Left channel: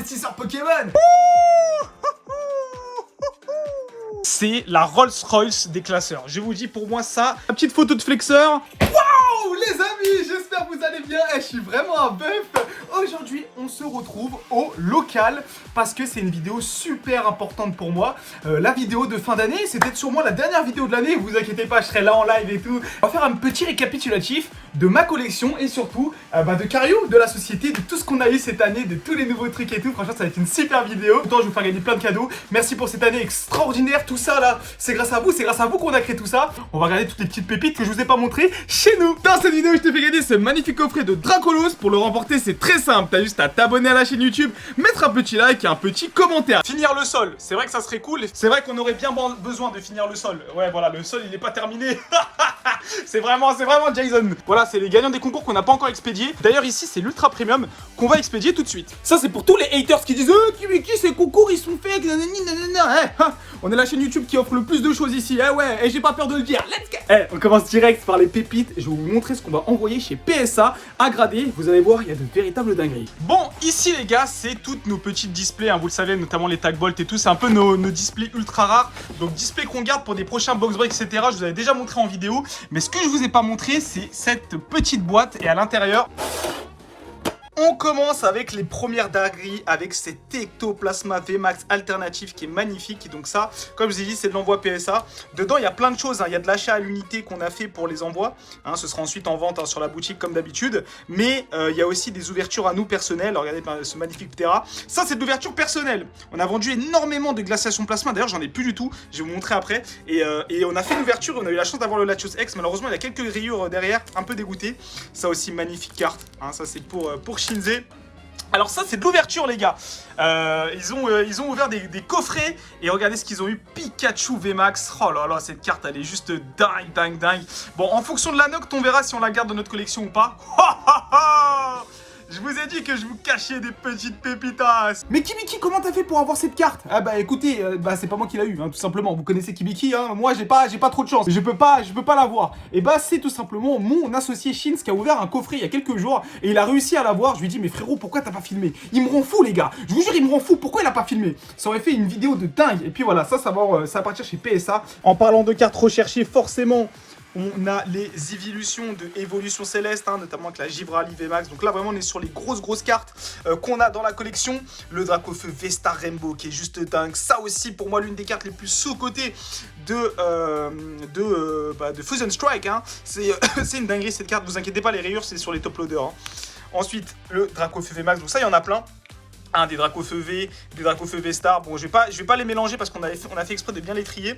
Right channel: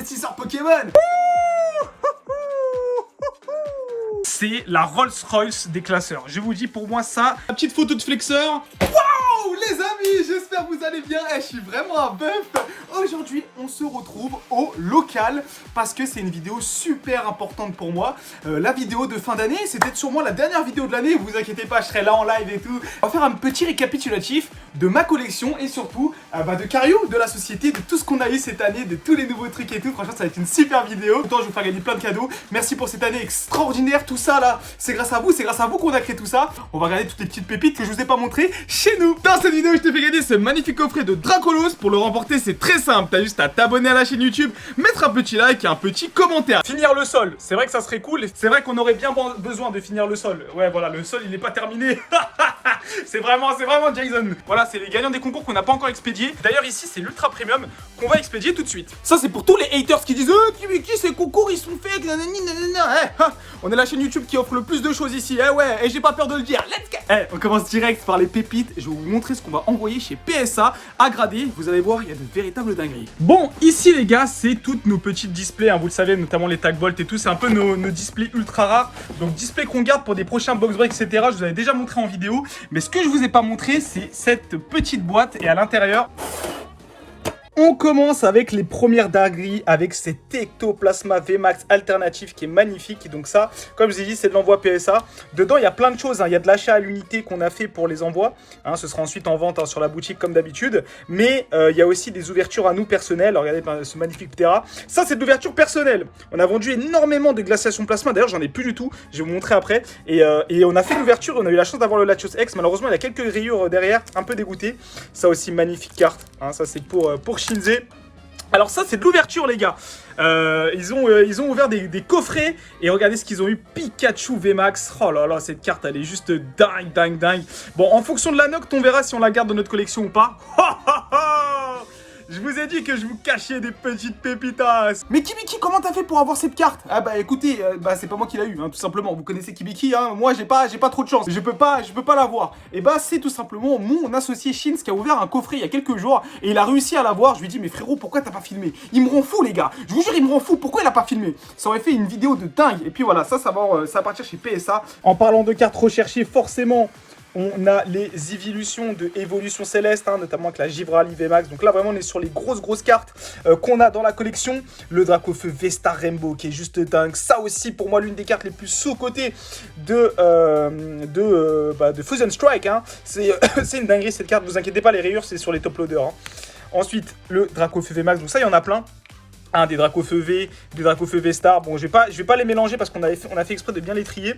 investisseur Pokémon. C'est la Rolls-Royce des classeurs. Je vous dis, pour moi, ça... La petite photo de flexeur. Oh les amis, j'espère que vous allez bien. Je suis vraiment un bœuf. Aujourd'hui, on se retrouve au local parce que c'est une vidéo super importante pour moi. La vidéo de fin d'année, c'est peut-être sûrement la dernière vidéo de l'année. Vous inquiétez pas, je serai là en live et tout. On va faire un petit récapitulatif de ma collection et surtout de Cario, de la société, de tout ce qu'on a eu cette année, de tous les nouveaux trucs et tout. Franchement, ça va être une super vidéo. Autant je vous faire gagner plein de cadeaux. Merci pour cette année extraordinaire. Tout ça là, c'est grâce à vous qu'on a créé tout ça. On va regarder toutes les petites pépites que je vous ai pas montrées chez nous. Dans cette vidéo, je te fais gagner ce magnifique coffret de Dracolos. Pour le remporter, c'est très simple. T'as juste à t'abonner à la chaîne YouTube, mettre un petit like et un petit commentaire. Finir le sol, c'est vrai que ça serait cool. C'est vrai qu'on aurait bien besoin de finir le sol. Ouais, voilà, le sol, il n'est pas terminé. C'est vraiment Jason. Voilà, c'est les gagnants des concours qu'on n'a pas encore expédiés. D'ailleurs, ici, c'est l'ultra premium qu'on va expédier tout de suite. Ça, c'est pour tous les haters qui disent qui ces concours, ils sont fake, nanani, nanana. On est la chaîne YouTube qui offre le plus de choses ici. Ouais, et j'ai pas peur de le dire. Let's go. On commence direct par les pépites. Je vais vous montrer ce qu'on va envoyer chez PSA à grader. Vous allez voir, il y a de véritables dingueries. Bon, ici, les gars, c'est toutes nos petites displays. Hein, vous le savez, notamment les tag bolt et tout. C'est un peu nos displays ultra rares. Donc, displays qu'on garde pour des prochains box break, etc. Je vous avais déjà montré en vidéo. Mais ce que je vous ai pas montré, c'est cette petite boîte. Et à l'intérieur... On commence avec les premières dingueries, avec cet Ectoplasma VMAX alternatif qui est magnifique. Donc ça, comme je vous ai dit, c'est de l'envoi PSA. Dedans, il y a plein de choses. Il y a de l'achat à l'unité qu'on a fait pour les envois. Ce sera ensuite en vente sur la boutique comme d'habitude. Mais il y a aussi des ouvertures à nous personnelles. Regardez ce magnifique Ptera. Ça, c'est de l'ouverture personnelle. On a vendu énormément de glaciation plasma. D'ailleurs, j'en ai plus du tout. Je vais vous montrer après. Et on a fait l'ouverture. On a eu la chance d'avoir le Latios X. Malheureusement, il y a quelques rayures derrière. Un peu dégoûté. Ça aussi, magnifique carte. Ça, c'est pour Shinze. Alors ça, c'est de l'ouverture, les gars. Ils ont ouvert des coffrets. Et regardez ce qu'ils ont eu. Pikachu VMAX. Oh là là, cette carte, elle est juste dingue. Bon, en fonction de la note, on verra si on la garde dans notre collection ou pas. Je vous ai dit que je vous cachais des petites pépitas. Mais Kibiki, comment t'as fait pour avoir cette carte? Ah bah écoutez, c'est pas moi qui l'a eu, tout simplement. Vous connaissez Kibiki, moi j'ai pas trop de chance. Je peux pas l'avoir. Et bah c'est tout simplement mon associé Shins qui a ouvert un coffret il y a quelques jours et il a réussi à l'avoir. Je lui ai dit mais frérot, pourquoi t'as pas filmé? Il me rend fou les gars. Je vous jure, il me rend fou. Pourquoi il a pas filmé? Ça aurait fait une vidéo de dingue. Et puis voilà, ça va partir chez PSA. En parlant de cartes recherchées, forcément. On a les évolutions de Évolution Céleste, notamment avec la Gibraltar VMAX. Donc là, vraiment, on est sur les grosses cartes qu'on a dans la collection. Le Dracofeu Vestar Rainbow, qui est juste dingue. Ça aussi, pour moi, l'une des cartes les plus sous-cotées de Fusion Strike. C'est une dinguerie, cette carte. Ne vous inquiétez pas, les rayures, c'est sur les top loaders. Ensuite, le Dracofeu VMAX. Donc ça, il y en a plein. Des Dracofeu V, des Dracofeu V-Star. Bon, je vais pas les mélanger parce qu'on a fait exprès de bien les trier.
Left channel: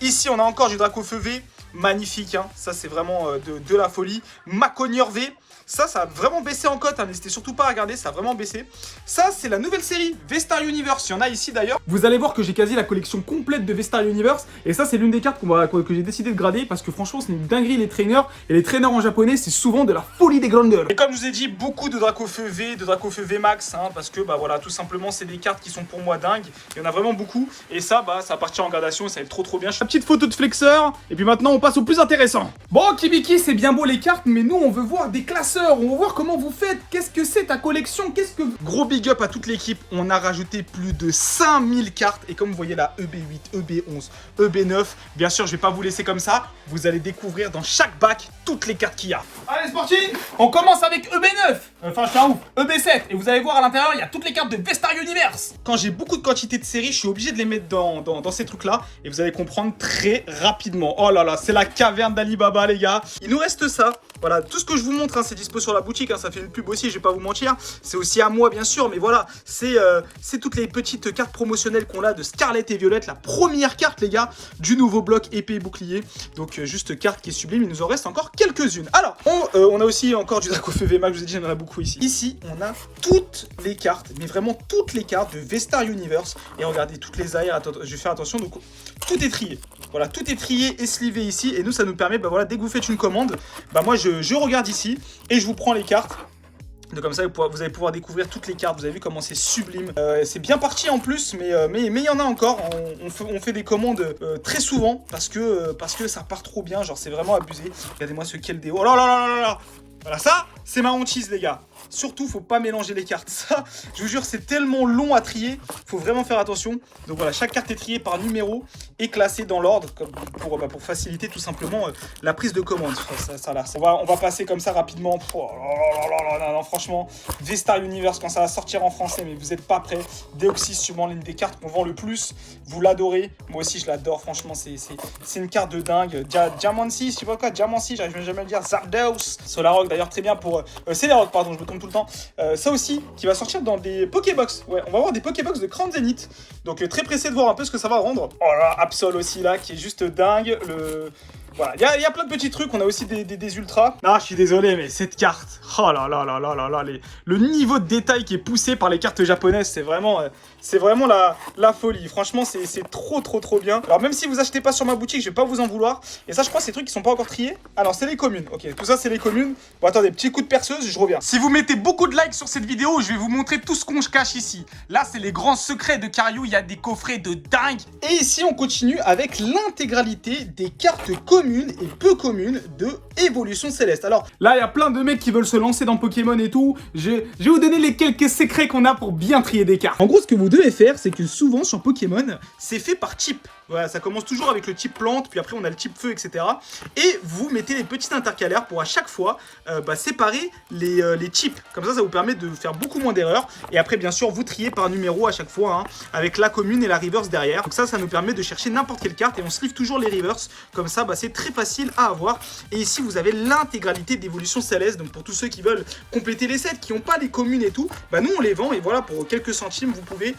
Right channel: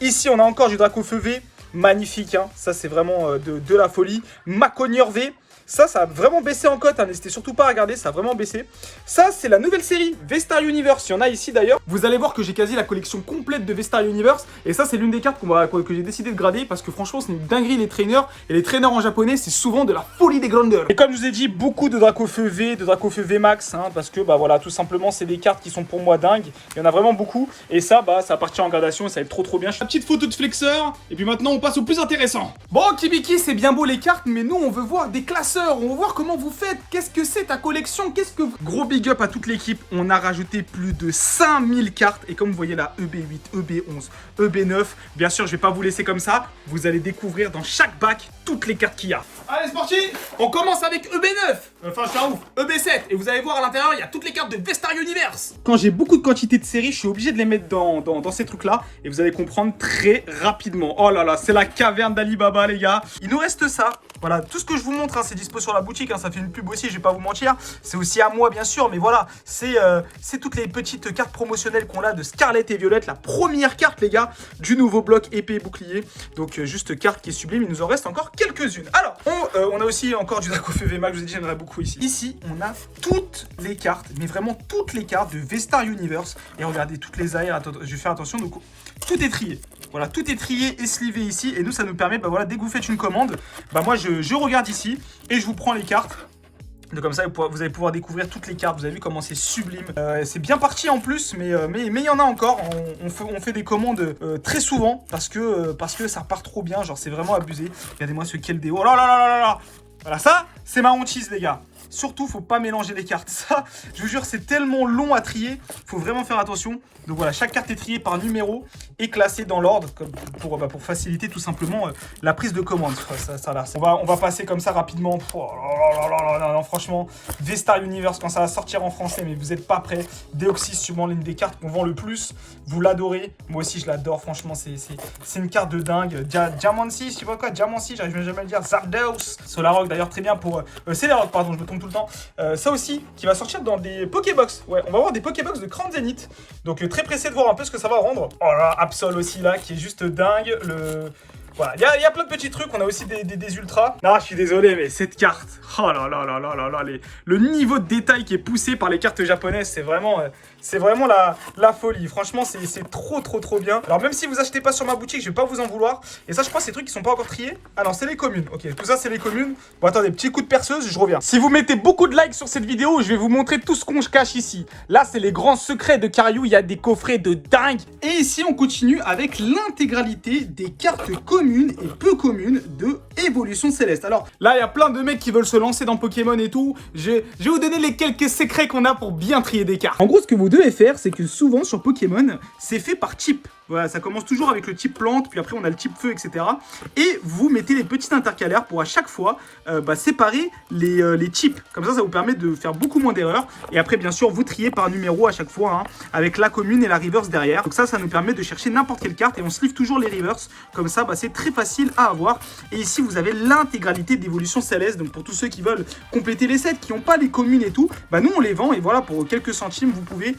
Ici, on a encore du Dracofeu V. Magnifique, ça c'est vraiment de la folie. Maconior V. Ça a vraiment baissé en cote, n'hésitez surtout pas à regarder, ça a vraiment baissé. Ça, c'est la nouvelle série, V-Star Universe, il y en a ici d'ailleurs. Vous allez voir que j'ai quasi la collection complète de V-Star Universe. Et ça, c'est l'une des cartes que j'ai décidé de grader parce que franchement, c'est une dinguerie les trainers. Et les trainers en japonais, c'est souvent de la folie des grandeurs. Et comme je vous ai dit, beaucoup de Dracofeu V, de Dracofeu V-Max, parce que, voilà, tout simplement, c'est des cartes qui sont pour moi dingues. Il y en a vraiment beaucoup. Et ça, ça va partir en gradation et ça va être trop bien. La petite photo de flexeur. Et puis maintenant, on passe au plus intéressant. Bon, Kibiki, c'est bien beau les cartes, mais nous, on veut voir des classeurs. On veut voir comment vous faites. Qu'est-ce que c'est ta collection? Gros big up à toute l'équipe. On a rajouté plus de 5000 cartes. Et comme vous voyez là, EB8, EB11, EB9. Bien sûr, je vais pas vous laisser comme ça. Vous allez découvrir dans chaque bac toutes les cartes qu'il y a. Allez, c'est parti. On commence avec EB9. Enfin, je suis un ouf. EB7. Et vous allez voir à l'intérieur, il y a toutes les cartes de V-Star Universe. Quand j'ai beaucoup de quantité de séries, je suis obligé de les mettre dans ces trucs-là. Et vous allez comprendre très rapidement. Oh là là, c'est la caverne d'Alibaba, les gars. Il nous reste ça. Voilà, tout ce que je vous montre, c'est dispo sur la boutique. Ça fait une pub aussi, je vais pas vous mentir. C'est aussi à moi, bien sûr. Mais voilà, c'est toutes les petites cartes promotionnelles qu'on a de Scarlet et Violette. La première carte, les gars, du nouveau bloc épée et bouclier. Donc, juste carte qui est sublime. Il nous en reste encore quelques-unes. Alors, on a aussi encore du Dracofeu VMAX. Je vous ai dit, j'en ai beaucoup ici. Ici, on a toutes les cartes, mais vraiment toutes les cartes de V-Star Universe. Et regardez, toutes les aires. Attends, je vais faire attention. Donc, tout est trié. Voilà, tout est trié et slivé ici. Et nous, ça nous permet, voilà, dès que vous faites une commande, moi, je regarde ici et je vous prends les cartes. Donc comme ça, vous allez pouvoir découvrir toutes les cartes. Vous avez vu comment c'est sublime. C'est bien parti en plus, mais il y en a encore. On fait des commandes très souvent parce que ça part trop bien. Genre, c'est vraiment abusé. Regardez-moi ce Keldeo. Oh là là là là là. Voilà, ça, c'est ma hantise, les gars. Surtout, faut pas mélanger les cartes. Ça, je vous jure, c'est tellement long à trier. Faut vraiment faire attention. Donc voilà, chaque carte est triée par numéro et classée dans l'ordre pour faciliter tout simplement la prise de commande. On va passer comme ça rapidement. Oh non, franchement, V-Star Universe, quand ça va sortir en français, mais vous n'êtes pas prêts. Deoxys, sûrement l'une des cartes qu'on vend le plus. Vous l'adorez. Moi aussi, je l'adore. Franchement, c'est une carte de dingue. Diamancy, tu vois quoi? Diamancy, j'arrive jamais à le dire. Zapdos. Solarok, d'ailleurs, très bien pour. Celerock, pardon, je me trompe tout le temps. Ça aussi, qui va sortir dans des Pokébox. Ouais, on va avoir des Pokébox de Crown Zenith. Donc, très pressé de voir un peu ce que ça va rendre. Oh là, Absol aussi, là, qui est juste dingue. Voilà, il y a plein de petits trucs, on a aussi des ultras. Non, je suis désolé, mais cette carte, oh là là là là là là, le niveau de détail qui est poussé par les cartes japonaises, c'est vraiment la folie. Franchement, c'est trop bien. Alors même si vous achetez pas sur ma boutique, je vais pas vous en vouloir. Et ça, je crois, ces trucs qui sont pas encore triés. Ah non, c'est les communes. Ok, tout ça, c'est les communes. Bon, attendez, petit coup de perceuse, je reviens. Si vous mettez beaucoup de likes sur cette vidéo, je vais vous montrer tout ce qu'on cache ici. Là, c'est les grands secrets de Kariou. Il y a des coffrets de dingue. Et ici, on continue avec l'intégralité des cartes communes et peu communes de Évolution Céleste. Alors là, il y a plein de mecs qui veulent se lancer dans Pokémon et tout. Je vais vous donner les quelques secrets qu'on a pour bien trier des cartes. En gros, ce que vous devez faire, c'est que souvent sur Pokémon, c'est fait par type. Voilà, ça commence toujours avec le type plante, puis après on a le type feu, etc. Et vous mettez les petits intercalaires pour à chaque fois séparer les types. Comme ça vous permet de faire beaucoup moins d'erreurs. Et après, bien sûr, vous triez par numéro à chaque fois, hein, avec la commune et la reverse derrière. Donc ça nous permet de chercher n'importe quelle carte et on se livre toujours les reverse. Comme ça, c'est très facile à avoir. Et ici, vous avez l'intégralité d'Évolution Céleste. Donc pour tous ceux qui veulent compléter les sets, qui n'ont pas les communes et tout, nous on les vend. Et voilà, pour quelques centimes, vous pouvez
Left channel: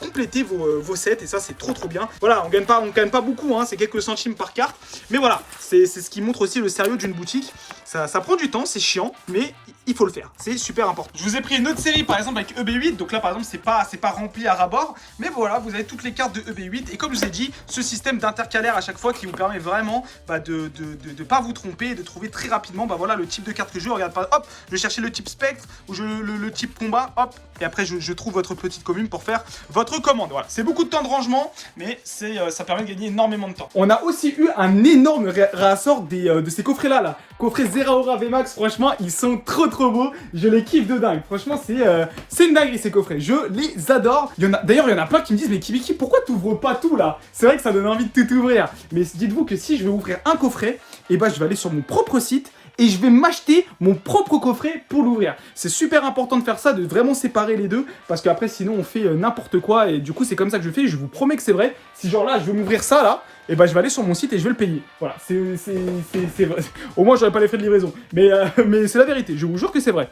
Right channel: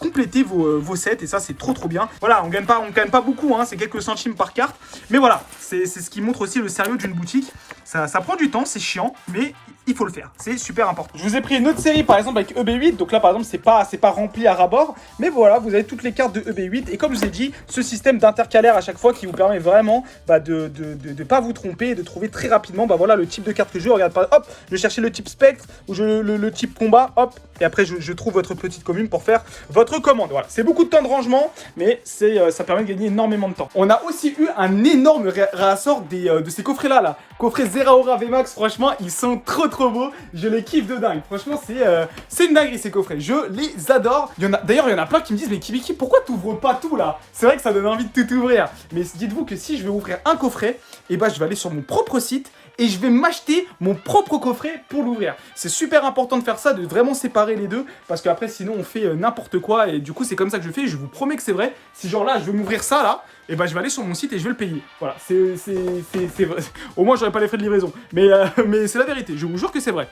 compléter vos sets. Et ça, c'est trop bien. Voilà, on gagne pas beaucoup, hein, c'est quelques centimes par carte. Mais voilà, c'est ce qui montre aussi le sérieux d'une boutique. Ça prend du temps, c'est chiant, mais il faut le faire. C'est super important. Je vous ai pris une autre série, par exemple, avec EB8. Donc là, par exemple, c'est pas rempli à ras-bord. Mais voilà, vous avez toutes les cartes de EB8. Et comme je vous ai dit, ce système d'intercalaire à chaque fois qui vous permet vraiment de pas vous tromper et de trouver très rapidement voilà, le type de carte que je veux. Regarde, hop, je vais chercher le type spectre ou le type combat, hop. Et après, je trouve votre petite commune pour faire votre commande. Voilà, c'est beaucoup de temps de rangement, mais ça permet de gagner énormément de temps. On a aussi eu un énorme réassort de ces coffrets-là. Coffret Zeraora VMAX, franchement, ils sont trop beaux. Je les kiffe de dingue. Franchement, c'est une dinguerie ces coffrets. Je les adore. D'ailleurs, il y en a plein qui me disent, mais Kibiki, pourquoi t'ouvres pas tout là? C'est vrai que ça donne envie de tout ouvrir. Mais dites-vous que si je veux ouvrir un coffret, je vais aller sur mon propre site et je vais m'acheter mon propre coffret pour l'ouvrir. C'est super important de faire ça, de vraiment séparer les deux, parce qu'après sinon on fait n'importe quoi, et du coup c'est comme ça que je fais, je vous promets que c'est vrai. Si genre là je veux m'ouvrir ça là, je vais aller sur mon site et je vais le payer. Voilà, c'est vrai. Au moins j'aurai pas les frais de livraison, mais c'est la vérité, je vous jure que c'est vrai.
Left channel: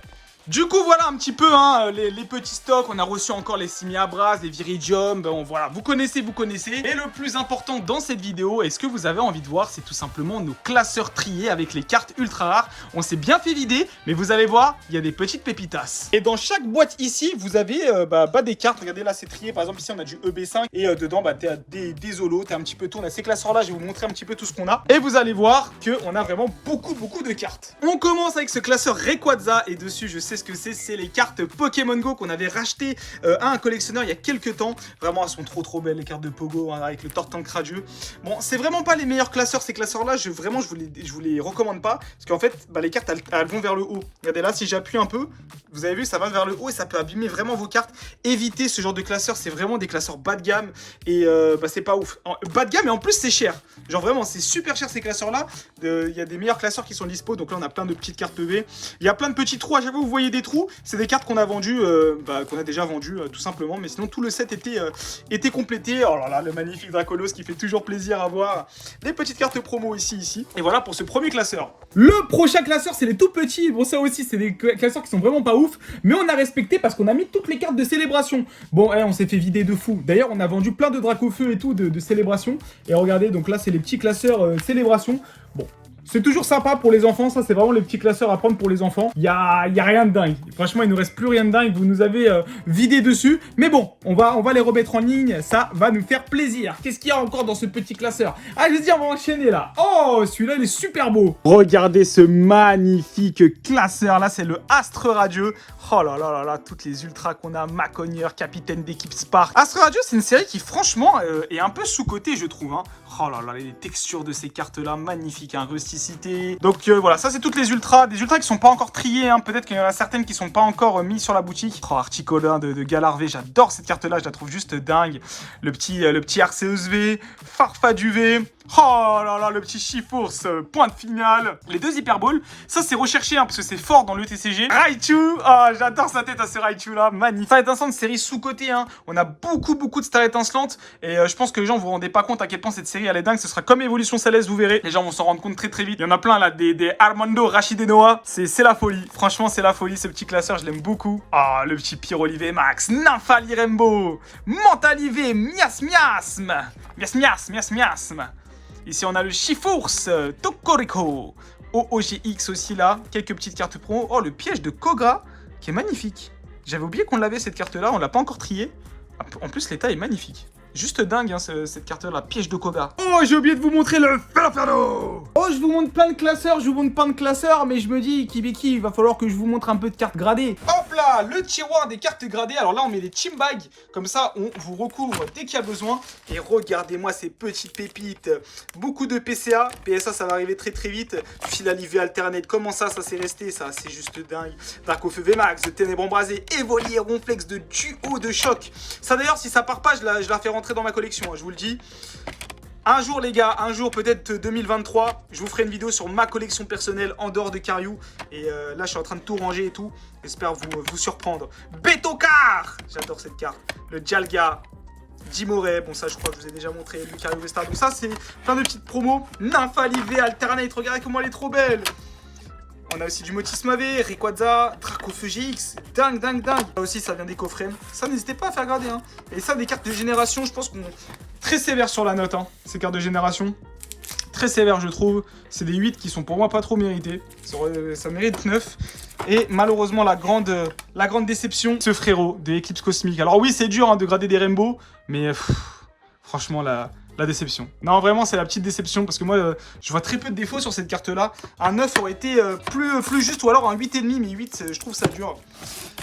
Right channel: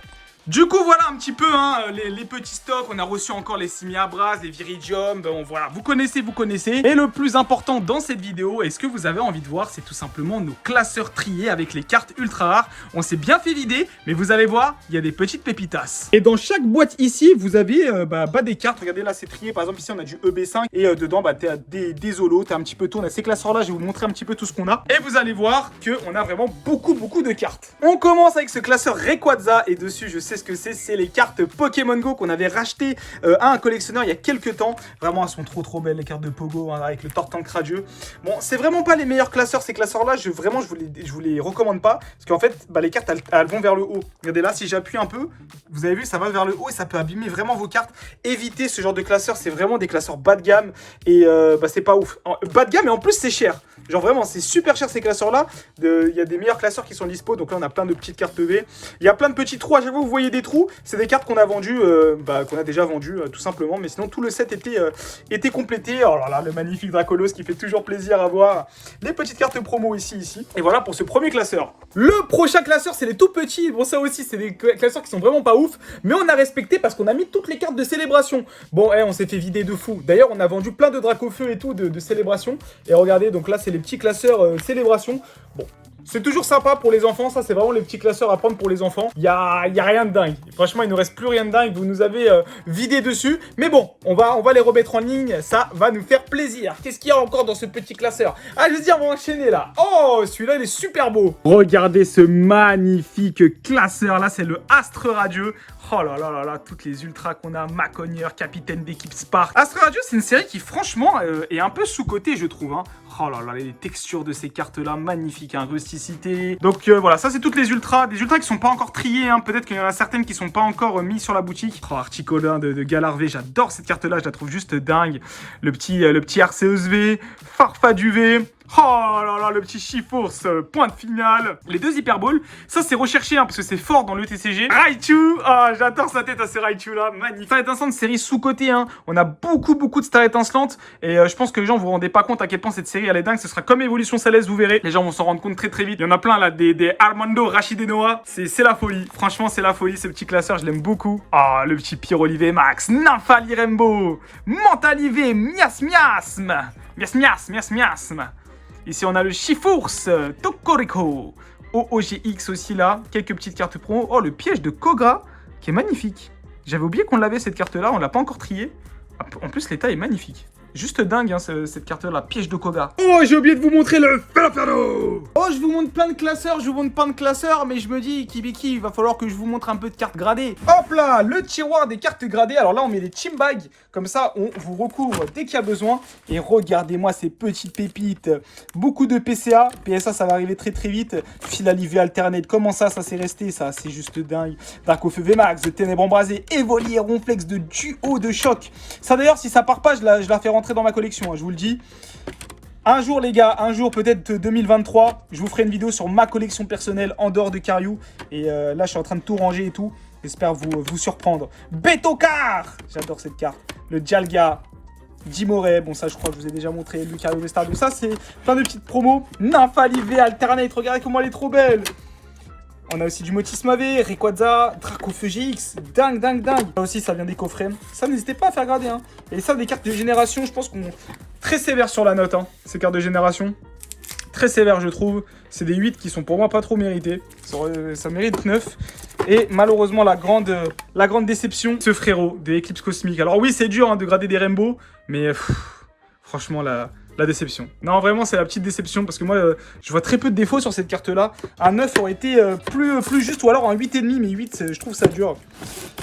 Du coup, voilà un petit peu les petits stocks. On a reçu encore les Simiabras, les Viridium. Voilà, vous connaissez. Et le plus important dans cette vidéo, et ce que vous avez envie de voir, c'est tout simplement nos classeurs triés avec les cartes ultra rares. On s'est bien fait vider, mais vous allez voir, il y a des petites pépitas. Et dans chaque boîte ici, vous avez des cartes. Regardez là, c'est trié. Par exemple, ici, on a du EB5. Et dedans, t'as des Zolos, t'as un petit peu tout. On a ces classeurs-là. Je vais vous montrer un petit peu tout ce qu'on a. Et vous allez voir qu'on a vraiment beaucoup de cartes. On commence avec ce classeur Rayquaza. Et dessus, je sais ce que c'est les cartes Pokémon Go qu'on avait racheté à un collectionneur il y a quelques temps. Vraiment, elles sont trop belles les cartes de Pogo, hein, avec le Tortank radieux. Bon, c'est vraiment pas les meilleurs classeurs, ces classeurs-là. Je vous les recommande pas, parce qu'en fait, les cartes elles vont vers le haut. Regardez là, si j'appuie un peu, vous avez vu, ça va vers le haut et ça peut abîmer vraiment vos cartes. Évitez ce genre de classeurs, c'est vraiment des classeurs bas de gamme et c'est pas ouf. Bas de gamme et en plus c'est cher. Genre vraiment, c'est super cher ces classeurs-là. Il y a des meilleurs classeurs qui sont dispo. Donc là, on a plein de petites cartes EV. Il y a plein de petits trous. À chaque fois, vous voyez des trous. C'est des cartes qu'on a vendues, qu'on a déjà vendues, tout simplement. Mais sinon, tout le set était complété. Oh là là, le magnifique Dracolos qui fait toujours plaisir à voir. Les petites cartes promo ici. Et voilà pour ce premier classeur. Le prochain classeur, c'est les tout petits. Bon, ça aussi, c'est des classeurs qui sont vraiment pas ouf. Mais on a respecté parce qu'on a mis toutes les cartes de célébration. Bon, on s'est fait vider de fou. D'ailleurs, on a vendu plein de Dracofeu et tout de célébration. Et regardez, donc là, c'est les petits classeurs célébration. Bon, c'est toujours sympa pour les enfants, ça c'est vraiment les petits classeurs à prendre pour les enfants. Il y a rien de dingue. Franchement, il ne reste plus rien de dingue, vous nous avez vidé dessus. Mais bon, on va les remettre en ligne, ça va nous faire plaisir. Qu'est-ce qu'il y a encore dans ce petit classeur? Ah, je veux dire, on va enchaîner là. Oh, celui-là, il est super beau. Regardez ce magnifique classeur, là c'est le Astre Radieux. Oh là là là là, toutes les ultras qu'on a, Macogneur, capitaine d'équipe Spark. Astre Radio, c'est une série qui franchement est un peu sous-cotée, je trouve. Hein. Oh là là, les textures de ces cartes-là, magnifiques, hein, Rusty toxicité. Donc voilà, ça c'est toutes les ultras. Des ultras qui sont pas encore triés, hein. Peut-être qu'il y en a certaines qui sont pas encore mises sur la boutique. Oh, Articolin de Galarvé, j'adore cette carte-là, je la trouve juste dingue. Le petit Arceus V, Farfadou V. Oh là là, le petit Chifours, pointe finale. Les deux Hyperballs, ça c'est recherché hein, parce que c'est fort dans le TCG. Raichu, oh, j'adore sa tête à ce Raichu là, magnifique. Star étincelante, série sous-cotée, hein. On a beaucoup de Star étincelantes. Et je pense que les gens vous rendez pas compte à quel point cette série elle est dingue. Ce sera comme Évolution Céleste, vous verrez. Les gens vont s'en rendre compte très vite. Il y en a plein là, des Armando, Rachid et Noah. C'est la folie. Franchement, c'est la folie. Ce petit classeur, je l'aime beaucoup. Ah, oh, le petit Pyrolivé Max, Nymphali Rainbow, Mentalivé, Miasme. Ici, on a le Chifours, Tokoriko, OOGX aussi là. Quelques petites cartes pro. Oh, le piège de Koga, qui est magnifique. J'avais oublié qu'on l'avait cette carte-là, on l'a pas encore triée. En plus, l'état est magnifique. Juste dingue, hein, cette carte-là, piège de Koga. Oh, j'ai oublié de vous montrer le Ferroferro. Oh, je vous montre plein de classeurs, mais je me dis, Kibiki, il va falloir que je vous montre un peu de cartes gradées. Hop là, le tiroir des cartes gradées. Alors là, on met les team bags. Comme ça, on vous recouvre dès qu'il y a besoin. Et regardez-moi ces petites pépites. Beaucoup de PCA. PSA, ça va arriver très vite. Fil à l'IV alternate. Comment ça s'est resté, ça? C'est juste dingue. Dark of VMAX, de Ténèbres Embrasées, Évolier, Ronflex, de duo de choc. Ça d'ailleurs, si ça part pas, je la fais rentrer dans ma collection, hein, je vous le dis. Un jour les gars, un jour peut-être 2023, je vous ferai une vidéo sur ma collection personnelle en dehors de Cariou. Et là je suis en train de tout ranger et tout. J'espère vous surprendre. Betokar, j'adore cette carte. Le Dialga, Jimoré, bon ça je crois que je vous ai déjà montré. Lucario Vestar, donc ça c'est plein de petites promos. Nymphali V Alternate, regardez comment elle est trop belle. On a aussi du Motisma V, Rayquaza, Dracofeu GX, dingue. Ça aussi, ça vient des coffrets. Ça, n'hésitez pas à faire grader. Hein. Et ça, des cartes de génération, je pense qu'on est très sévère sur la note. Hein, ces cartes de génération. Très sévères, je trouve. C'est des 8 qui sont pour moi pas trop mérités. Ça mérite 9. Et malheureusement, la grande déception, ce frérot de Eclipse Cosmique. Alors oui, c'est dur hein, de grader des rainbows, mais franchement, la déception. Non, vraiment, c'est la petite déception parce que moi, je vois très peu de défauts sur cette carte-là. Un 9 aurait été plus juste ou alors un 8,5, mais 8, je trouve ça dur.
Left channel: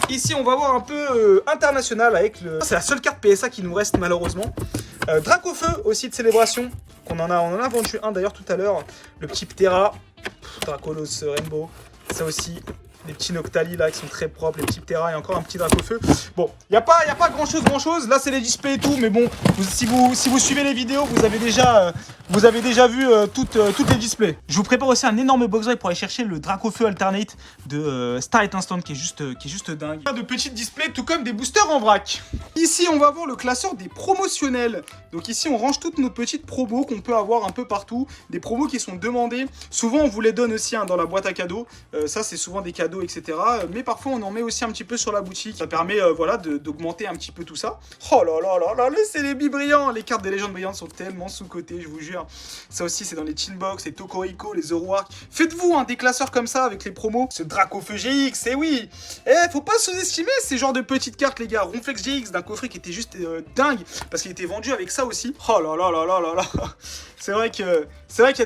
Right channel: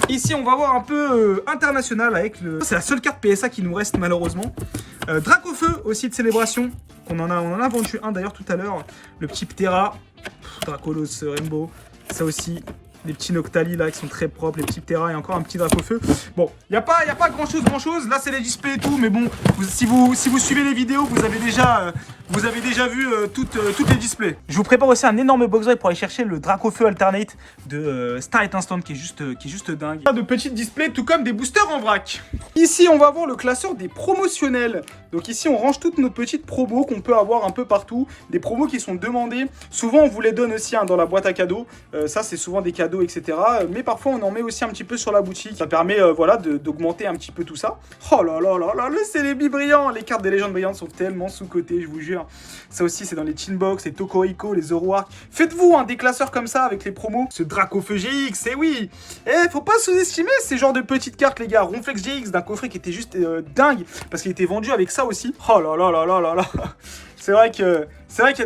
Ici, on va voir un peu international avec le... C'est la seule carte PSA qui nous reste malheureusement. Dracofeu aussi de célébration. On en a vendu un d'ailleurs tout à l'heure. Le petit Ptera. Dracolos Rainbow. Ça aussi. Les petits Noctali là qui sont très propres, les petits Ptera et encore un petit Dracofeu. Bon, il n'y a pas grand chose. Là, c'est les displays et tout, mais bon, si vous suivez les vidéos, vous avez déjà vu toutes les displays. Je vous prépare aussi un énorme box break pour aller chercher le Dracofeu Alternate de Star Instant qui est juste dingue. De petits displays, tout comme des boosters en vrac. Ici, on va voir le classeur des promotionnels. Donc ici, on range toutes nos petites promos qu'on peut avoir un peu partout. Des promos qui sont demandées. Souvent, on vous les donne aussi hein, dans la boîte à cadeaux. Ça, c'est souvent des cadeaux, etc. Mais parfois, on en met aussi un petit peu sur la boutique. Ça permet voilà, d'augmenter un petit peu tout ça. Oh là là, c'est les brillants. Les cartes des légendes brillantes sont tellement sous-cotées, je vous jure. Ça aussi, c'est dans les Chinbox, les Tokoriko, les Zoroark. Faites-vous hein, des classeurs comme ça avec les promos. Ce Dracofeu GX, et oui. Faut pas sous-estimer ces genres de petites cartes, les gars. Ronflex GX d'un coffret qui était juste dingue parce qu'il était vendu avec ça aussi. Oh là là. C'est vrai qu'il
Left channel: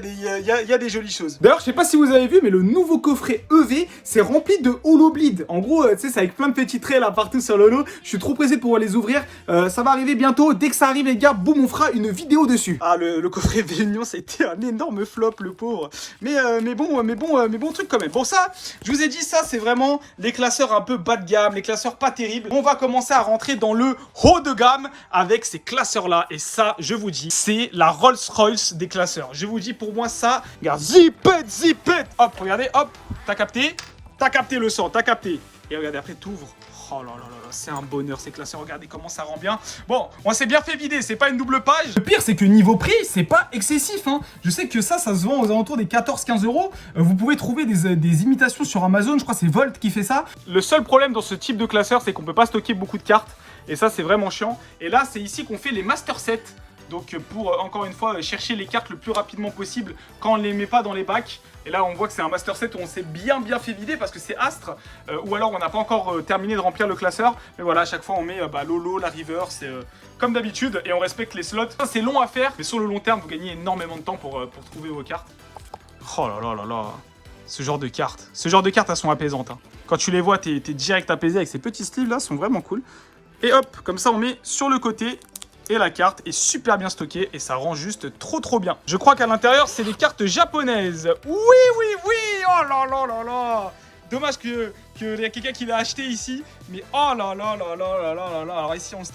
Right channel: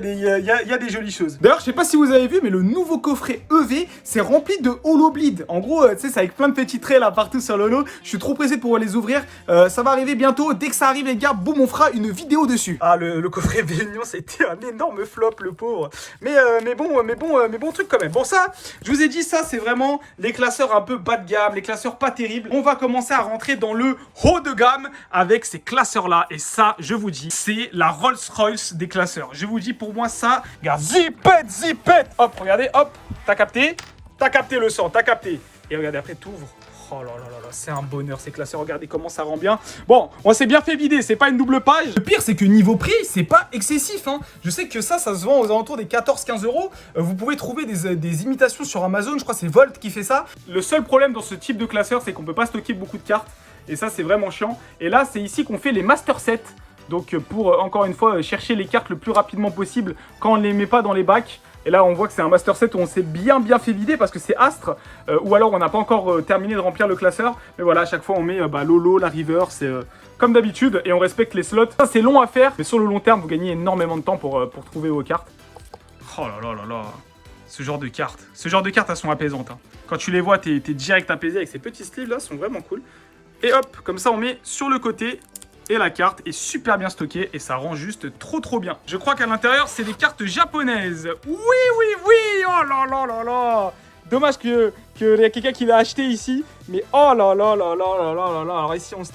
y a des jolies choses. D'ailleurs, je sais pas si vous avez vu, mais le nouveau coffret EV, c'est rempli de holobleed. En gros, tu sais, c'est avec plein de petits traits là partout sur le lot. Je suis trop pressé de pouvoir les ouvrir. Ça va arriver bientôt. Dès que ça arrive, les gars, boum, on fera une vidéo dessus. Ah, le coffret Véunion, c'était un énorme flop, le pauvre. Mais bon truc quand même. Bon, ça, je vous ai dit, ça, c'est vraiment les classeurs un peu bas de gamme, les classeurs pas terribles. On va commencer à rentrer dans le haut de gamme avec ces classeurs-là. Et ça, je vous dis, c'est la Rolls-Royce des classeurs. Je vous dis, pour moi, ça, regarde, zipette. Hop, regardez, hop, t'as capté le son, t'as capté. Et regardez, après, t'ouvres. Oh là, c'est un bonheur ces classeurs, regardez comment ça rend bien. Bon, on s'est bien fait vider, c'est pas une double page. Le pire, c'est que niveau prix, c'est pas excessif. Hein. Je sais que ça se vend aux alentours des 14-15 €. Vous pouvez trouver des imitations sur Amazon, je crois que c'est Volt qui fait ça. Le seul problème dans ce type de classeur, c'est qu'on peut pas stocker beaucoup de cartes. Et ça, c'est vraiment chiant. Et là, c'est ici qu'on fait les Master Sets. Donc pour, encore une fois, chercher les cartes le plus rapidement possible quand on ne les met pas dans les bacs. Et là, on voit que c'est un Master Set où on s'est bien fait vider parce que c'est Astre. Ou alors, on n'a pas encore terminé de remplir le classeur. Mais voilà, à chaque fois, on met Lolo, la River, c'est comme d'habitude. Et on respecte les slots. Ça, c'est long à faire. Mais sur le long terme, vous gagnez énormément de temps pour trouver vos cartes. Oh là. Ce genre de cartes, elles sont apaisantes. Hein. Quand tu les vois, t'es direct apaisé avec ces petits sleeves là, sont vraiment cool. Et hop, comme ça, on met sur le côté. Et la carte est super bien stockée et ça rend juste trop bien. Je crois qu'à l'intérieur, c'est des cartes japonaises. Oui. Oh là là là là. Dommage qu'il y a quelqu'un qui l'a acheté ici. Mais oh là là là là là là là. Alors ici, on se...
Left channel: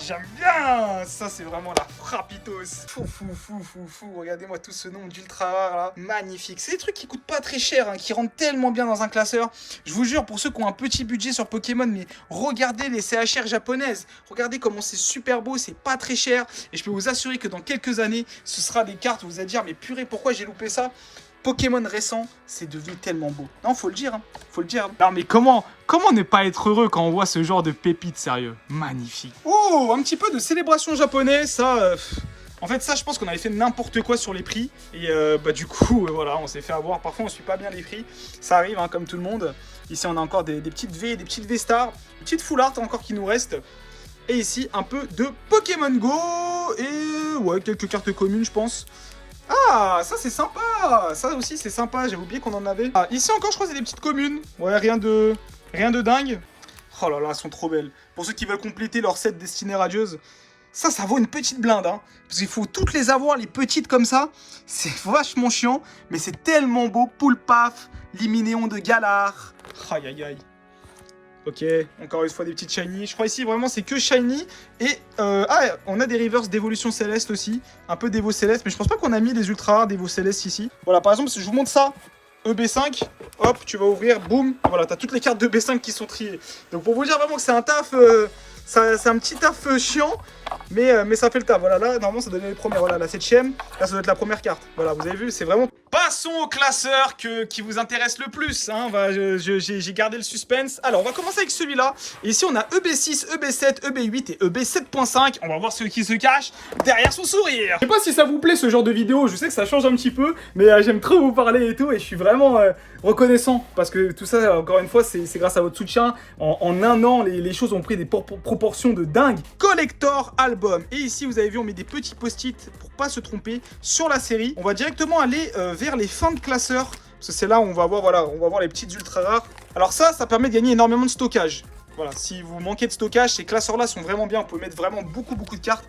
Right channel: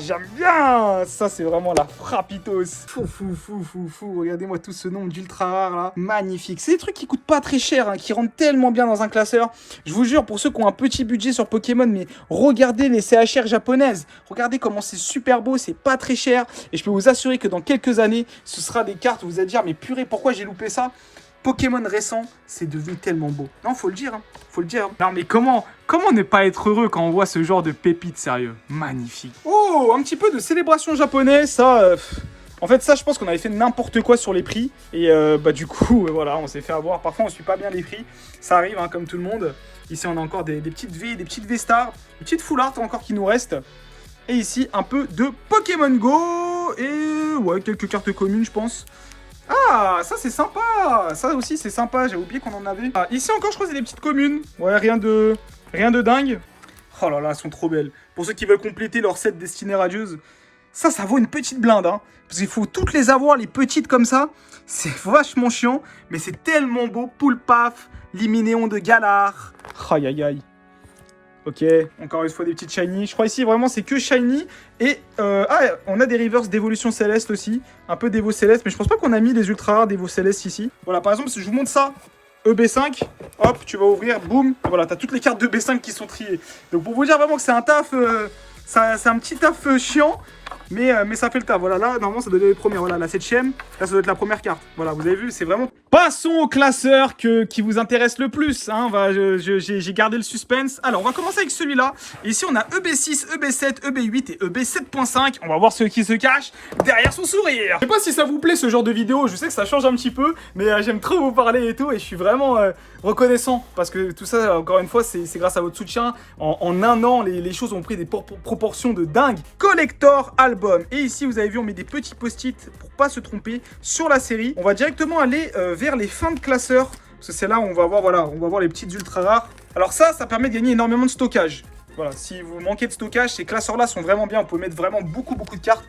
J'aime bien. Ça, c'est vraiment la frappitos. Fou. Regardez-moi tout ce nombre d'ultra rares là. Magnifique. C'est des trucs qui coûtent pas très cher, hein, qui rentrent tellement bien dans un classeur. Je vous jure, pour ceux qui ont un petit budget sur Pokémon, mais regardez les CHR japonaises. Regardez comment c'est super beau, c'est pas très cher. Et je peux vous assurer que dans quelques années, ce sera des cartes où vous allez dire, mais purée, pourquoi j'ai loupé ça? Pokémon récent, c'est devenu tellement beau. Non, faut le dire, hein. Faut le dire. Non, mais comment ne pas être heureux quand on voit ce genre de pépites, sérieux? Magnifique. Oh, un petit peu de célébration japonaise, ça... En fait, ça, je pense qu'on avait fait n'importe quoi sur les prix. Et du coup, voilà, on s'est fait avoir. Parfois, on ne suit pas bien les prix. Ça arrive, hein, comme tout le monde. Ici, on a encore des petites V, des petites V-Star, des petites full art encore qui nous restent. Et ici, un peu de Pokémon Go. Et ouais, quelques cartes communes, je pense. Ah, ça c'est sympa. Ça aussi c'est sympa, j'ai oublié qu'on en avait. Ah, ici encore je crois que c'est des petites communes. Ouais, rien de dingue. Oh là là, elles sont trop belles. Pour ceux qui veulent compléter leur set Destinée Radieuse, ça vaut une petite blinde, hein. Parce qu'il faut toutes les avoir, les petites comme ça. C'est vachement chiant, mais c'est tellement beau. Poulpaf, Liminéon de Galar. Aïe aïe aïe. Ok, encore une fois des petites shiny. Je crois ici vraiment c'est que shiny. Et on a des reverse d'évolution céleste aussi. Un peu d'Evo céleste, mais je pense pas qu'on a mis les ultra rares d'Evo céleste ici. Voilà, par exemple, si je vous montre ça, EB5, hop, tu vas ouvrir, boum. Voilà, t'as toutes les cartes de EB5 qui sont triées. Donc pour vous dire vraiment que c'est un taf, c'est un petit taf chiant. Mais ça fait le taf. Voilà, là, normalement, ça doit être les premières. Voilà, la 7ème. Là, ça doit être la première carte. Voilà, vous avez vu, c'est vraiment... Passons au classeur qui vous intéresse le plus. Hein. J'ai gardé le suspense. Alors, on va commencer avec celui-là. Ici, on a EB6, EB7, EB8 et EB7.5. On va voir ce qui se cache derrière son sourire. Je sais pas si ça vous plaît, ce genre de vidéo. Je sais que ça change un petit peu. Mais j'aime trop vous parler et tout. Et je suis vraiment reconnaissant. Parce que tout ça, encore une fois, c'est grâce à votre soutien. En un an, les choses ont pris des proportions de dingue. Collector Album. Et ici, vous avez vu, on met des petits post-it pour pas se tromper sur la série. On va directement aller vers les fins de classeurs. Parce que c'est là où on va voir, voilà, on va voir les petites ultra rares. Alors ça permet de gagner énormément de stockage. Voilà, si vous manquez de stockage, ces classeurs-là sont vraiment bien. On peut mettre vraiment beaucoup de cartes.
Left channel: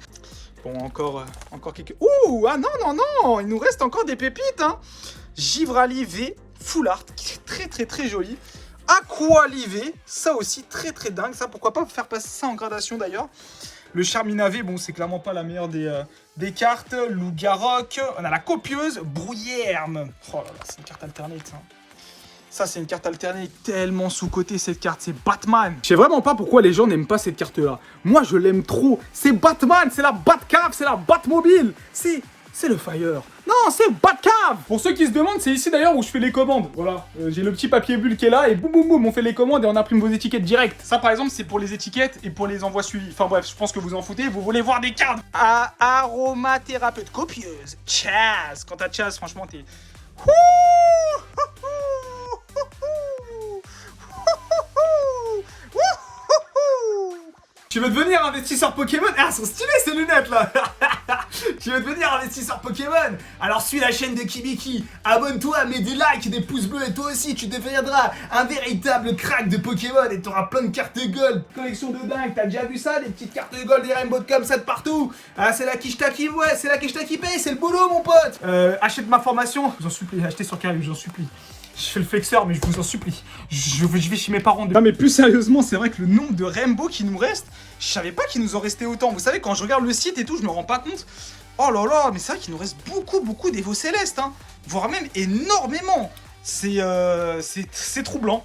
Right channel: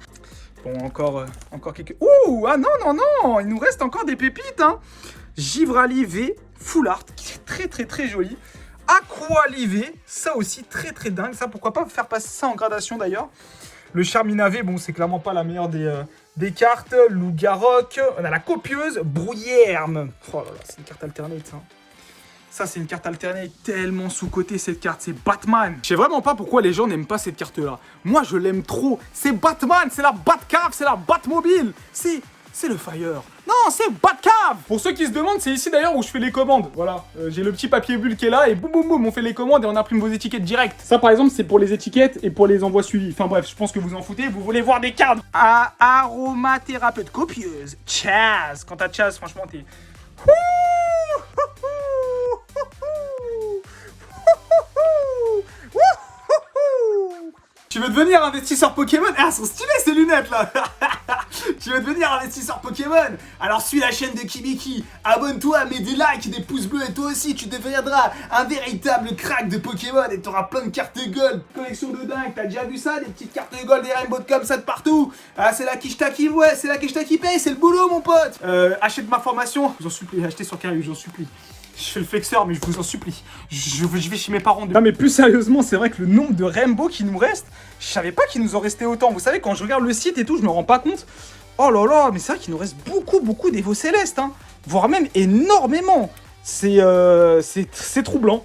Bon, encore quelques... Ouh, ah non, il nous reste encore des pépites, hein. Givrali V, Full Art, qui est très joli. Aqualivé, ça aussi très dingue. Ça, pourquoi pas faire passer ça en gradation d'ailleurs. Le Charminavé, bon, c'est clairement pas la meilleure des cartes. Loup-Garok. On a la copieuse Brouillerne. Oh là là, c'est une carte alternate, ça. Ça, c'est une carte alternate tellement sous-cotée, cette carte. C'est Batman. Je sais vraiment pas pourquoi les gens n'aiment pas cette carte-là. Moi, je l'aime trop. C'est Batman, c'est la Batcave, c'est la Batmobile. C'est le Fire. Non, c'est Batcave. Pour ceux qui se demandent, c'est ici d'ailleurs où je fais les commandes. Voilà, j'ai le petit papier bulle qui est là et boum, on fait les commandes et on imprime vos étiquettes direct. Ça, par exemple, c'est pour les étiquettes et pour les envois suivis. Enfin bref, je pense que vous en foutez. Vous voulez voir des cartes. Aromathérapeute copieuse. Chaz. Quant à Chaz, franchement, t'es... Tu veux devenir investisseur Pokémon? Ah, elles sont stylées ces lunettes là. Tu veux devenir investisseur Pokémon? Alors suis la chaîne de Kibiki, abonne-toi, mets des likes, des pouces bleus et toi aussi tu deviendras un véritable crack de Pokémon et t'auras plein de cartes gold, collection de dingue. T'as déjà vu ça, des petites cartes de gold, des rainbow comme ça de partout? Ah, c'est la Kishta qui ouais, c'est la Kishta qui paye, c'est le boulot mon pote. Achète ma formation, je vous en supplie, achetez sur Carré, j'en supplie. Je fais le flexeur, mais je vous en supplie. Je vais chez mes parents. Non, mais plus sérieusement, c'est vrai que le nombre de rainbow qui nous reste, je savais pas qu'il nous en restait autant. Vous savez, quand je regarde le site et tout, je me rends pas compte. Oh là là, mais c'est vrai qu'il nous reste beaucoup d'Evo Céleste, hein. Voire même énormément. C'est troublant.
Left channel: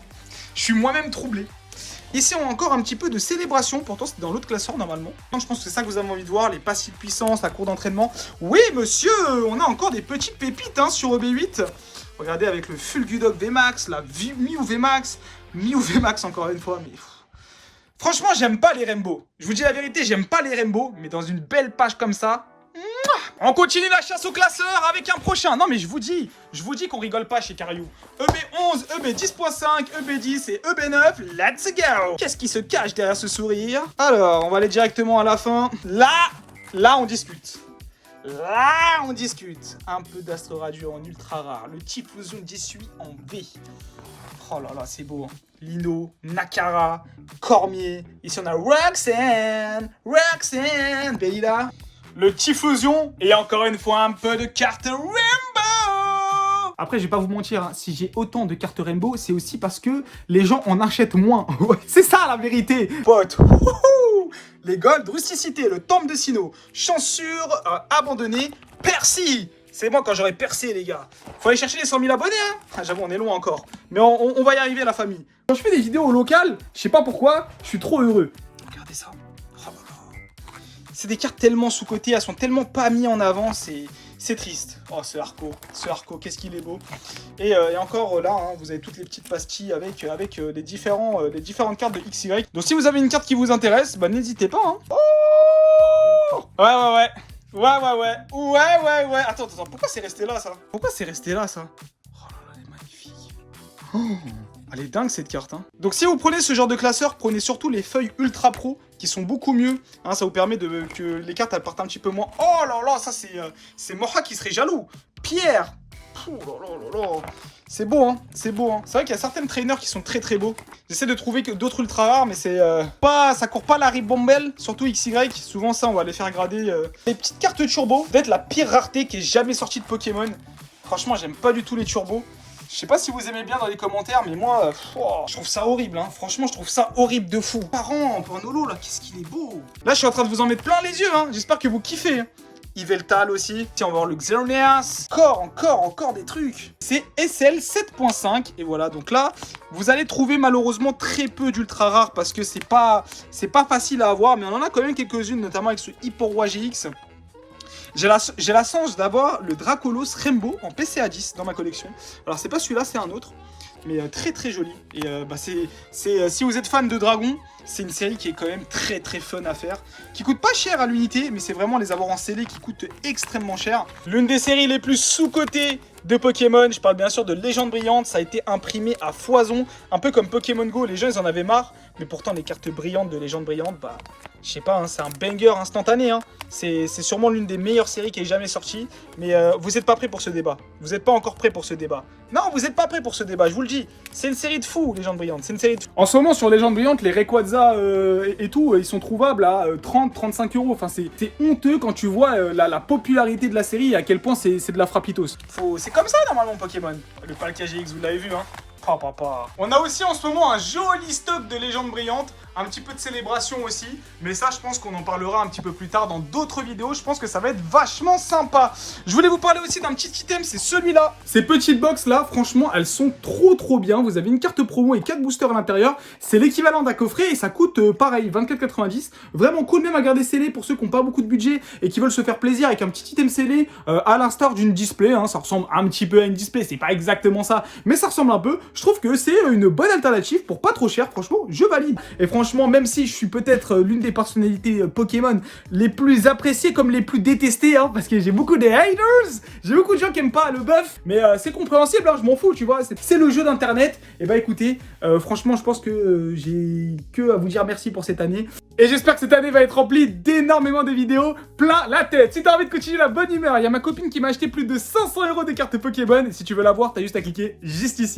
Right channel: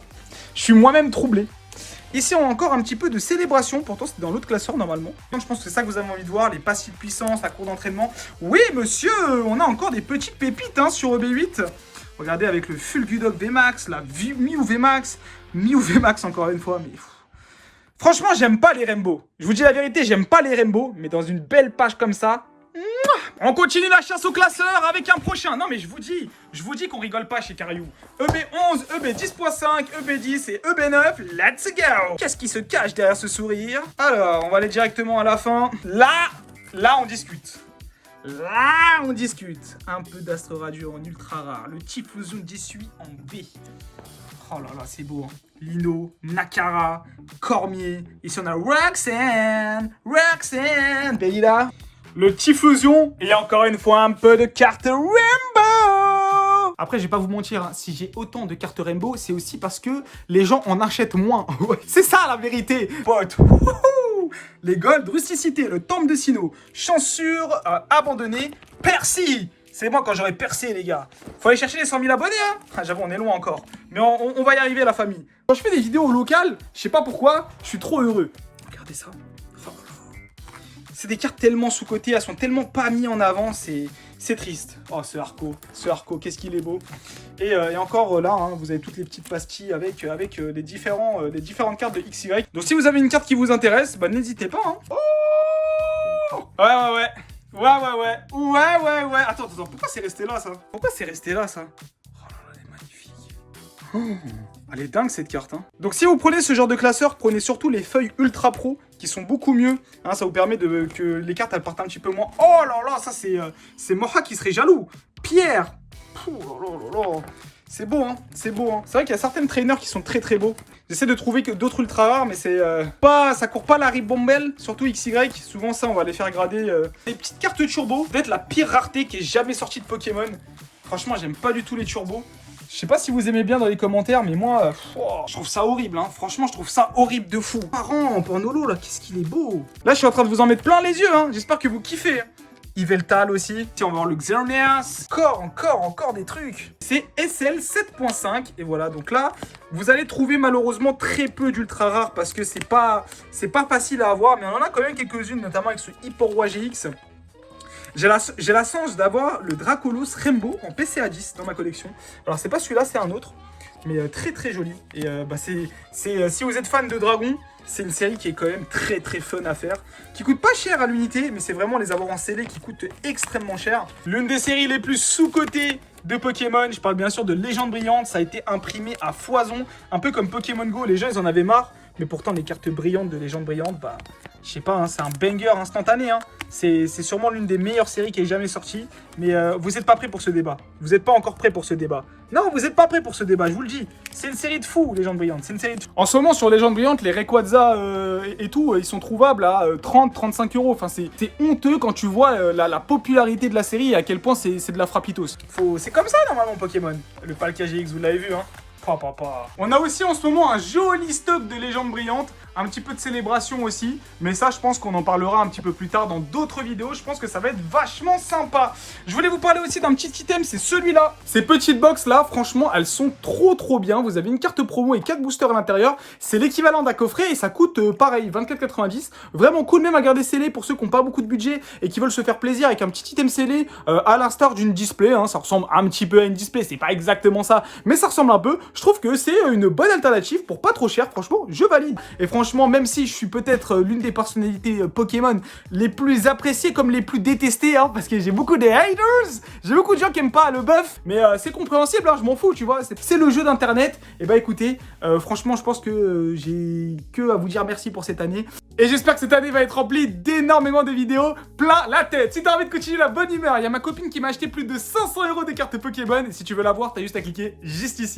Je suis moi-même troublé. Ici, on a encore un petit peu de célébration. Pourtant, c'était dans l'autre classeur, normalement. Donc, je pense que c'est ça que vous avez envie de voir. Les passifs de puissance, la cour d'entraînement. Oui, monsieur, on a encore des petites pépites hein, sur EB8. Regardez avec le Fulgudok VMAX, la Mew VMAX, Mew VMAX encore une fois. Mais... franchement, j'aime pas les rainbows. Je vous dis la vérité, j'aime pas les rainbows. Mais dans une belle page comme ça, on continue la chasse au classeur avec un prochain. Non mais je vous dis qu'on rigole pas chez Cariou. EB11, EB10.5, EB10 et EB9, let's go. Qu'est-ce qui se cache derrière ce sourire? Alors, on va aller directement à la fin. Là, on discute. Là, on discute. Un peu d'Astro Radio en ultra rare. Le type fusion 18 en V. Oh là là, c'est beau. Hein. Lino, Nakara, Cormier. Ici, on a Roxanne, Beila, le Tifusion. Et encore une fois, un peu de carte Rainbow. Après, je vais pas vous mentir, hein, si j'ai autant de cartes Rainbow, c'est aussi parce que les gens en achètent moins. C'est ça la vérité. Pote. Les Gold, Rusticité, le Temple de Sinnoh, Chancure, Abandonné, Percy. C'est moi quand j'aurai percé, les gars. Faut aller chercher les 100 000 abonnés, hein. Ah, j'avoue, on est loin encore. Mais on va y arriver, la famille. Quand je fais des vidéos locales, je sais pas pourquoi, je suis trop heureux. Regardez ça. Oh. C'est des cartes tellement sous-cotées, elles sont tellement pas mises en avant, c'est triste. Oh, ce Arco, qu'est-ce qu'il est beau. Et encore là, hein, vous avez toutes les petites pastilles avec les différentes cartes de XY. Donc si vous avez une carte qui vous intéresse, bah n'hésitez pas. Hein. Oh ouais. Attends, pourquoi c'est resté là, ça? Oh, elle est magnifique. Oh, elle est dingue, cette carte. Hein. Donc, si vous prenez ce genre de classeur, prenez surtout les feuilles Ultra Pro, qui sont beaucoup mieux. Hein, ça vous permet que les cartes, elles partent un petit peu moins. Oh là là, ça, c'est Moha qui serait jaloux. Pierre. C'est beau, hein. C'est vrai qu'il y a certains trainers qui sont très très beaux. J'essaie de trouver que d'autres ultra rares, mais c'est ça court pas la ribombelle, surtout XY. Souvent ça, on va les faire grader. Les petites cartes turbo, peut-être la pire rareté qui est jamais sortie de Pokémon. Franchement, j'aime pas du tout les turbos. Je sais pas si vous aimez bien dans les commentaires, mais moi, je trouve ça horrible. Hein. Franchement, je trouve ça horrible de fou. Parent, Pornolo, là, qu'est-ce qu'il est beau. Là, je suis en train de vous en mettre plein les yeux. Hein. J'espère que vous kiffez. Yveltal aussi. Tiens, on va voir le Xerneas. Encore des trucs. C'est SL 7.5. Et voilà, donc là, vous allez trouver malheureusement très peu d'ultra rares parce que c'est pas facile à avoir. Mais on en a quand même quelques-unes, notamment avec ce Hyperroi GX. J'ai la chance d'avoir le Dracolos Rainbow en PCA 10 dans ma collection. Alors, c'est pas celui-là, c'est un autre. Mais très très joli. Et si vous êtes fan de Dragon, c'est une série qui est quand même très très fun à faire, qui coûte pas cher à l'unité, mais c'est vraiment les avoir en scellé qui coûtent extrêmement cher. L'une des séries les plus sous-cotées de Pokémon, je parle bien sûr de Légende Brillante, ça a été imprimé à foison, un peu comme Pokémon Go, les gens ils en avaient marre, mais pourtant les cartes brillantes de Légende Brillante, bah je sais pas, hein, c'est un banger instantané, hein. C'est sûrement l'une des meilleures séries qui est jamais sortie, mais vous n'êtes pas prêts pour ce débat, vous n'êtes pas encore prêts pour ce débat. Non, vous n'êtes pas prêts pour ce débat, je vous le dis, c'est une série de fous, Légende Brillante, c'est une série de fous. En ce moment, sur Légende Brillante, les Rayquaza et tout, ils sont trouvables à 30-35 €. Enfin, c'est honteux quand tu vois la popularité de la série et à quel point c'est de la frappitos. C'est comme ça, normalement, Pokémon. Le Palkia GX, vous l'avez vu, hein. On a aussi en ce moment un joli stock de Légendes Brillantes, un petit peu de célébration aussi, mais ça je pense qu'on en parlera un petit peu plus tard dans d'autres vidéos, je pense que ça va être vachement sympa. Je voulais vous parler aussi d'un petit item, c'est celui-là. Ces petites box là, franchement, elles sont trop bien. Vous avez une carte promo et 4 boosters à l'intérieur, c'est l'équivalent d'un coffret et ça coûte pareil, 24,90. Vraiment cool, même à garder scellé pour ceux qui n'ont pas beaucoup de budget et qui veulent se faire plaisir avec un petit item scellé à l'instar d'une display, hein. Ça ressemble un petit peu à une display, c'est pas exactement ça, mais ça ressemble un peu. Je trouve que c'est une bonne alternative pour pas trop cher, franchement, je valide. Et franchement, même si je suis peut-être l'une des personnalités Pokémon les plus appréciées comme les plus détestées, hein, parce que j'ai beaucoup de haters, j'ai beaucoup de gens qui aiment pas le buff, mais c'est compréhensible, hein, je m'en fous, tu vois, c'est le jeu d'internet. Et bah écoutez, franchement, je pense que j'ai que à vous dire merci pour cette année. Et j'espère que cette année va être remplie d'énormément de vidéos plein la tête. Si t'as envie de continuer la bonne humeur, il y a ma copine qui m'a acheté plus de 500 € de cartes Pokémon. Et si tu veux la voir, t'as juste à cliquer juste ici.